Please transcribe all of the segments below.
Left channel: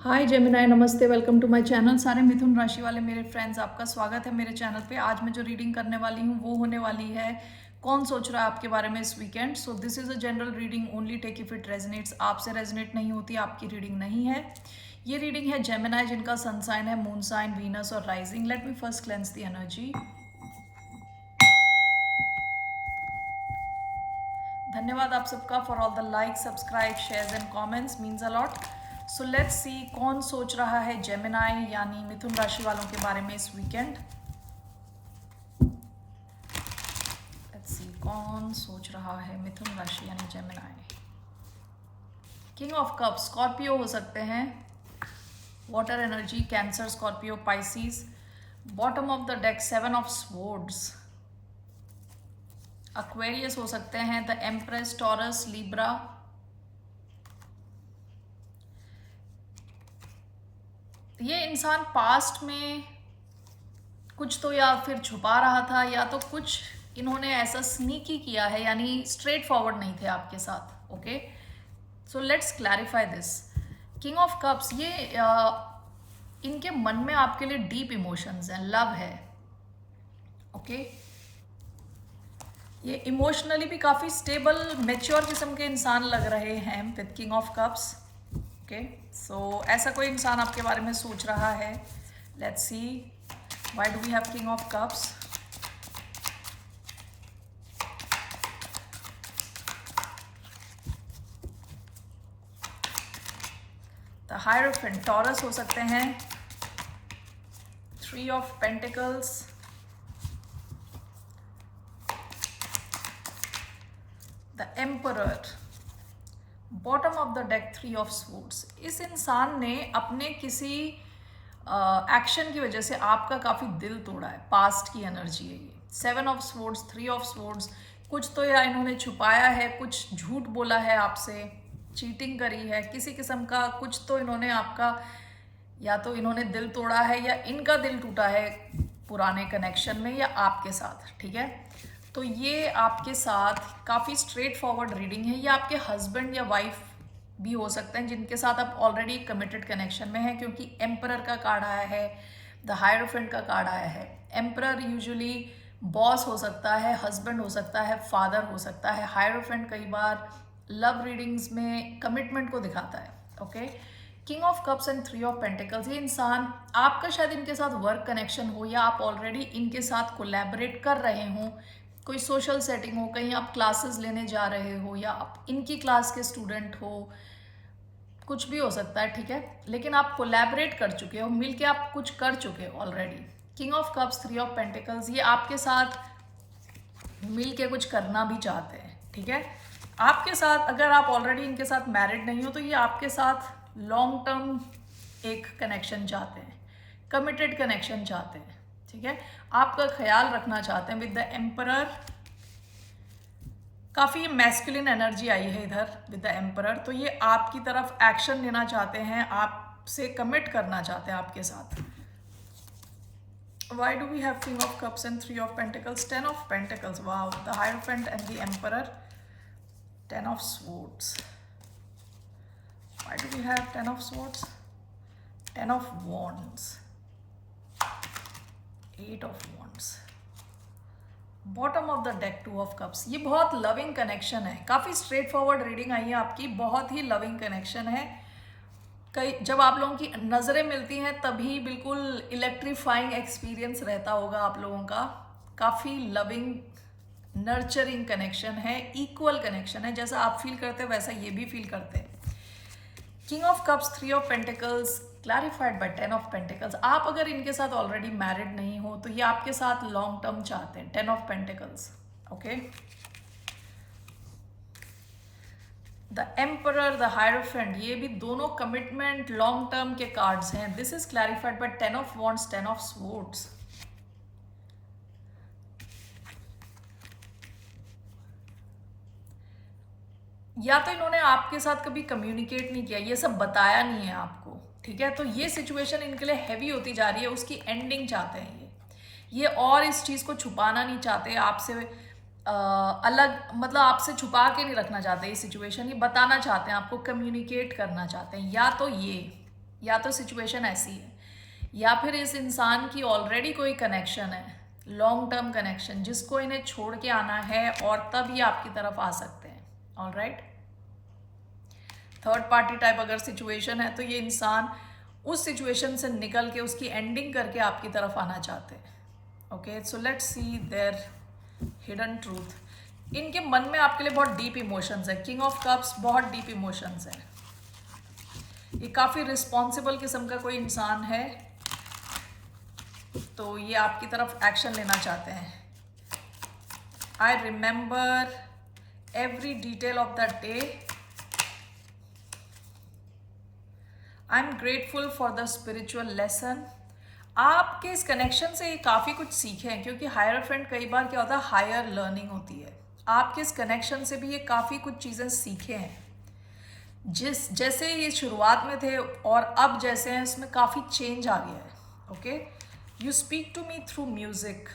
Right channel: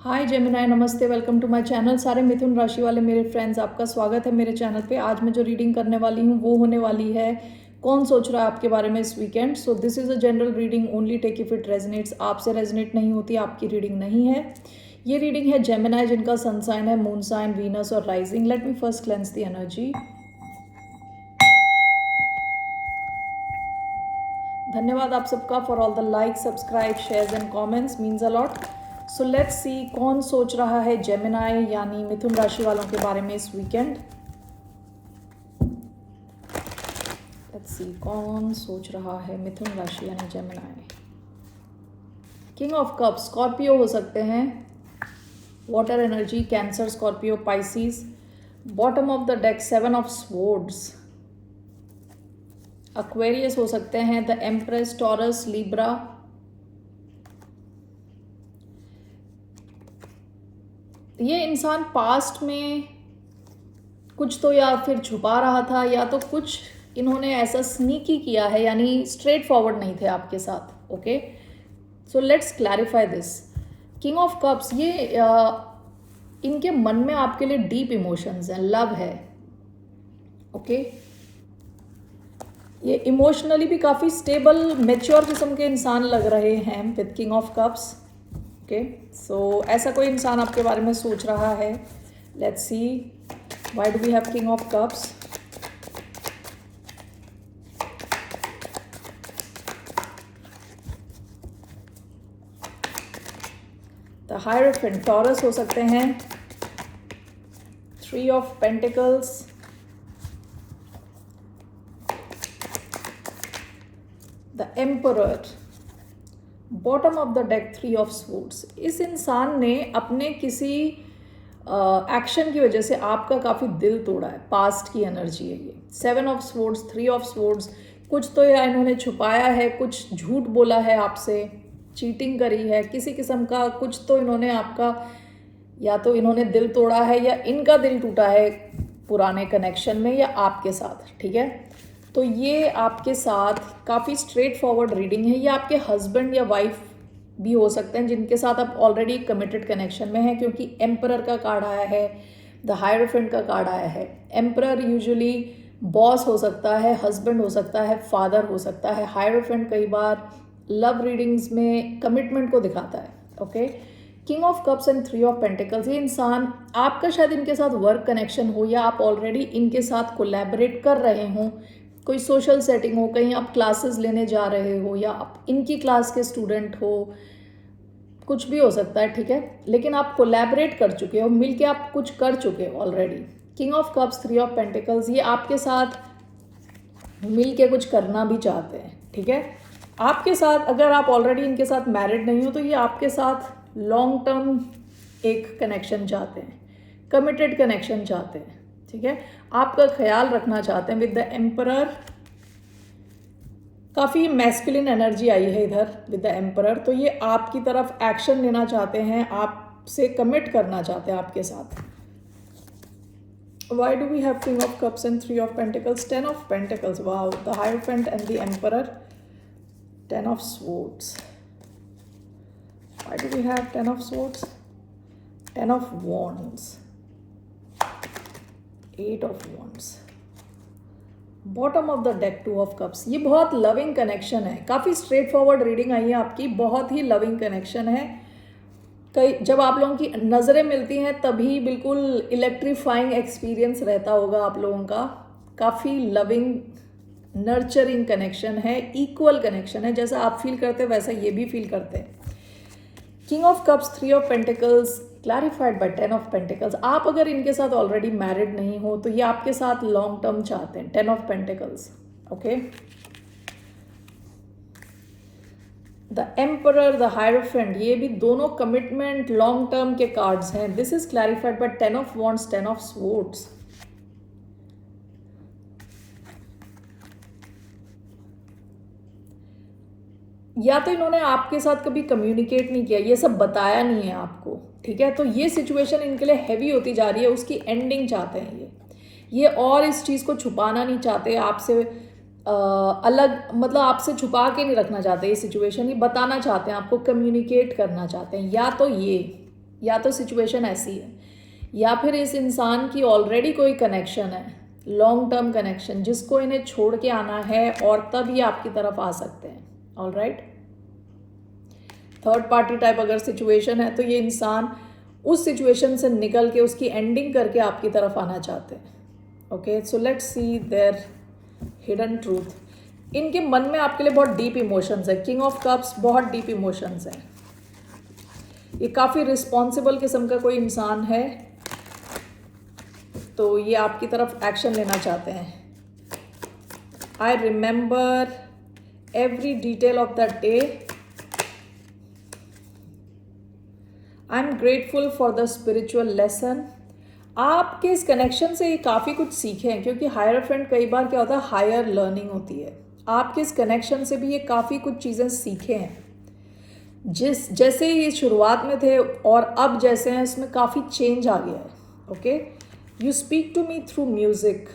हाय Gemini, नमस्ते, welcome to my channel. सारे मिथुन राशि वाले मेरे फ्रेंड्स, आपका स्वागत है मेरे चैनल पे। आज मैं जो रीडिंग करने वाली हूँ वो होने वाली है कौन सोच रहा है आपके बारे में इस weekend. So this is a general reading, only take if it resonates. आपसे रेजनेट नहीं होती आपकी रीडिंग नहीं है। ये रीडिंग है जेमिनाई जिनका सन साइन है मून साइन, वीनस और rising. Let me first cleanse the energy. धन्यवाद आप सबका for all the like, subscribe, shares and comments, means a lot. So let's सी कौन सोच रहा है जेमिनाई यानी मिथुन राशि वालों के बारे में इस वीकेंड। लेट्स सी कौन सोच रहा है मिथुन राशि यानी Gemini. King of cups, Scorpio हो सकते हैं, water energy, cancer, Scorpio, Pisces. Bottom of the deck seven of swords, Aquarius हो सकते हैं, द एम्प्रेस, टॉरस, लिब्रा। ये इंसान पास्ट में कुछ तो या फिर छुपा रहा था या तो कुछ इन्होंने ऐसा स्नीकी किया है, यानी स्ट्रेट फॉरवर्ड नहीं थे आपके साथ। Okay, so let's clarify this. King of cups, ये इनके मन में आपके लिए डीप इमोशंस हैं, लव है। ओके, ये इमोशनली भी काफ़ी स्टेबल मैच्योर किस्म के इंसान लग रहे हैं with king of cups. Okay, so ऐसा कोई इंसान आपके बारे में सोच रहा है। Let's see why do we have king of cups. The hierophant, Taurus हो सकते हैं, three of pentacles, the emperor, bottom of the deck three of swords. इस इंसान ने अपने किसी एक्शन की वजह से आपका काफ़ी दिल तोड़ा है, पास्ट की एनर्जी है ये। Seven of swords, three of swords, कुछ तो या इन्होंने छुपाया है, कुछ झूठ बोला है आपसे, चीटिंग करी है, किसी किस्म का कुछ तो इन्होंने आपका, या तो इन्होंने दिल तोड़ा है या इनका दिल टूटा है पुराने कनेक्शन में या आपके साथ। ठीक है, तो ये आपके साथ काफ़ी स्ट्रेट फॉरवर्ड रीडिंग है। ये आपके हस्बैंड या वाइफ भी हो सकते हैं जिनके साथ आप ऑलरेडी कमिटेड कनेक्शन में हैं, क्योंकि एम्परर का कार्ड आया है, द हायरोफेंट का कार्ड आया है। एम्परर यूजुअली बॉस हो सकता है, हस्बैंड हो सकता है, फादर हो सकता है। हायरोफेंट कई बार लव रीडिंग्स में कमिटमेंट को दिखाता है। Okay, king of cups and three of pentacles, ये इंसान आपका शायद इनके साथ वर्क कनेक्शन हो या आप ऑलरेडी इनके साथ कोलैबोरेट कर रहे हों, कोई सोशल सेटिंग हो, कहीं आप क्लासेस लेने जा रहे हो या आप इनकी क्लास के स्टूडेंट हो, कुछ भी हो सकता है। ठीक है, लेकिन आप कोलैबोरेट कर चुके हो, मिलके आप कुछ कर चुके हो already. King of cups, three of pentacles, ये आपके साथ मिलके कुछ करना भी चाहते हैं। ठीक है, आपके साथ, अगर आप ऑलरेडी इनके साथ मैरिड नहीं हो तो ये आपके साथ लॉन्ग टर्म एक कनेक्शन चाहते हैं, कमिटेड कनेक्शन चाहते हैं। ठीक है, आपका ख्याल रखना चाहते हैं विद द एम्परर। काफ़ी मैस्कुलिन एनर्जी आई है इधर विद द एम्परर, तो ये आपकी तरफ एक्शन लेना चाहते हैं, आपसे कमिट करना चाहते हैं आपके साथ। Why do we have King of Cups and Three of Pentacles? Ten of Pentacles, wow, the Hierophant and the Emperor, Ten of Swords. Why do we have Ten of Swords? Ten of Wands, Eight of Wands. Bottom of the deck two of cups, ये बहुत loving connection है, काफ़ी straight forward reading I है आपकी, बहुत ही loving connection है। कई जब आप लोगों की नज़रें मिलती हैं तभी बिल्कुल इलेक्ट्रीफाइंग एक्सपीरियंस रहता होगा आप लोगों का। काफ़ी लविंग नर्चरिंग कनेक्शन है, इक्वल कनेक्शन है, जैसा आप फील करते हैं वैसा ये भी फील करते हैं। King of cups, three of pentacles, clarified by ten of pentacles. आप अगर इनके साथ ऑलरेडी मैरिड नहीं हो तो ये आपके साथ लॉन्ग टर्म चाहते हैं। Ten of pentacles, okay. The emperor, the hierophant, ये भी दोनों कमिटमेंट लॉन्ग टर्म के कार्ड्स हैं। This is clarified by ten of wands, ten of swords. या तो इन्होंने आपके साथ कभी कम्युनिकेट नहीं किया, ये सब बताया नहीं है आपको। ठीक है, तो ये सिचुएशन इनके लिए हैवी होती जा रही है, उसकी एंडिंग चाहते हैं ये और इस चीज़ को छुपाना नहीं चाहते आपसे, अलग मतलब आपसे छुपा के नहीं रखना चाहते ये सिचुएशन, ये बताना चाहते हैं आपको, कम्युनिकेट करना चाहते हैं। या तो ये या तो सिचुएशन ऐसी है, या फिर इस इंसान की ऑलरेडी कोई कनेक्शन है, लॉन्ग टर्म कनेक्शन, जिसको इन्हें छोड़ के आना है और तब ये आपकी तरफ आ सकते हैं. All right. Third party type अगर सिचुएशन है तो ये इंसान उस सिचुएशन से निकल के उसकी एंडिंग करके आपकी तरफ आना चाहते हैं. Okay, so let's see their hidden truth. इनके मन में आपके लिए बहुत डीप इमोशंस है. किंग ऑफ कप्स बहुत डीप इमोशंस है. ये काफ़ी रिस्पॉन्सिबल किस्म का कोई इंसान है, तो ये आपकी तरफ एक्शन लेना चाहते हैं. आई remember every detail of the day. I am grateful for the spiritual lesson. आपके इस कनेक्शन से ये काफ़ी कुछ सीखे हैं, क्योंकि हायर फ्रेंड कई बार क्या होता है, हायर लर्निंग होती है. आपके इस कनेक्शन से भी ये काफ़ी कुछ चीज़ें सीखे हैं. जैसे ये शुरुआत में थे और अब जैसे हैं, इसमें काफ़ी चेंज आ गया है. Okay, you speak to me through music.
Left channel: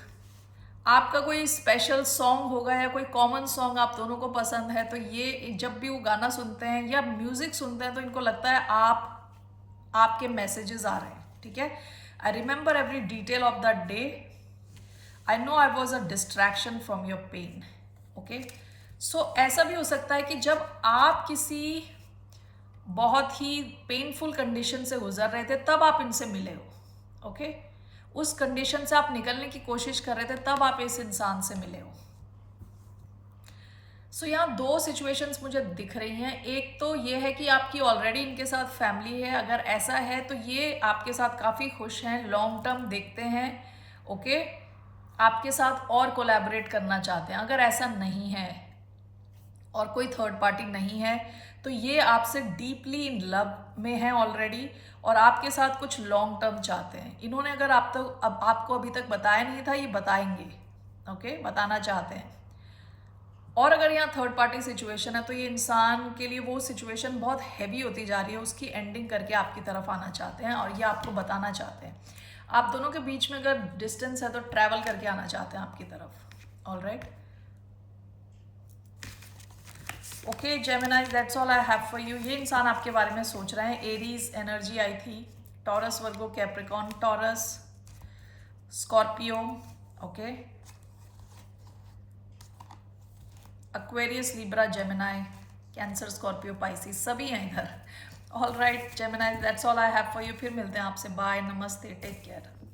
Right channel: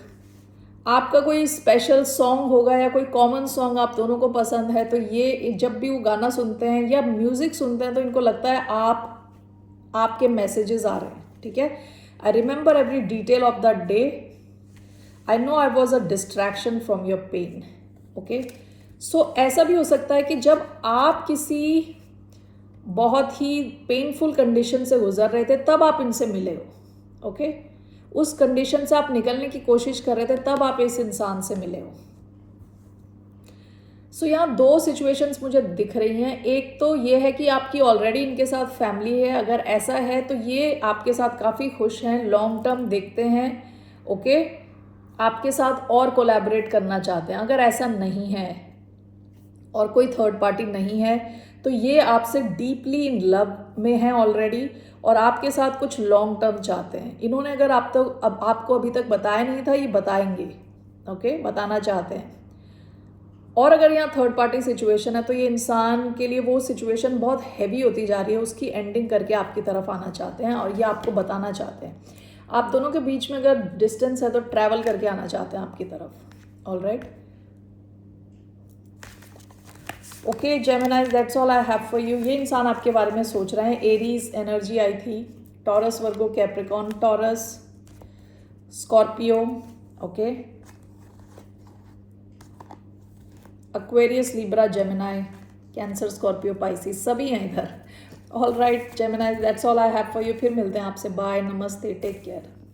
आपका कोई स्पेशल सॉन्ग होगा या कोई कॉमन सॉन्ग आप दोनों को पसंद है, तो ये जब भी वो गाना सुनते हैं या म्यूज़िक सुनते हैं तो इनको लगता है आपके मैसेजेस आ रहे हैं. ठीक है. I remember every detail of the day. I know I was a distraction from your pain. Okay, so ऐसा भी हो सकता है कि जब आप किसी बहुत ही पेनफुल कंडीशन से गुजर रहे थे तब आप इनसे मिले हो. ओके, उस कंडीशन से आप निकलने की कोशिश कर रहे थे तब आप इस इंसान से मिले हो. सो यहाँ दो सिचुएशंस मुझे दिख रही हैं. एक तो ये है कि आपकी ऑलरेडी इनके साथ फैमिली है. अगर ऐसा है तो ये आपके साथ काफ़ी खुश हैं, लॉन्ग टर्म देखते हैं. ओके, आपके साथ और कोलैबोरेट करना चाहते हैं. अगर ऐसा नहीं है और कोई थर्ड पार्टी नहीं है तो ये आपसे डीपली इन लव में है ऑलरेडी और आपके साथ कुछ लॉन्ग टर्म चाहते हैं. इन्होंने अगर आपको अभी तक बताया नहीं था, ये बताएंगे. ओके, बताना चाहते हैं. और अगर यहाँ थर्ड पार्टी सिचुएशन है तो ये इंसान के लिए वो सिचुएशन बहुत हैवी होती जा रही है, उसकी एंडिंग करके आपकी तरफ आना चाहते हैं और ये आपको बताना चाहते हैं. आप दोनों के बीच में अगर डिस्टेंस है तो ट्रैवल करके आना चाहते हैं आपकी तरफ. All right. Okay Gemini, that's all I have for you. ये इंसान आपके बारे में सोच रहे हैं. एरीज एनर्जी आई थी. Taurus, Virgo, Capricorn, Taurus, Scorpio. Okay, Aquarius, Libra, Gemini, cancer, Scorpio, Pisces सभी हैं इधर. All right Gemini, that's all I have for you. फिर मिलते हैं आपसे. बाय, नमस्ते, टेक केयर.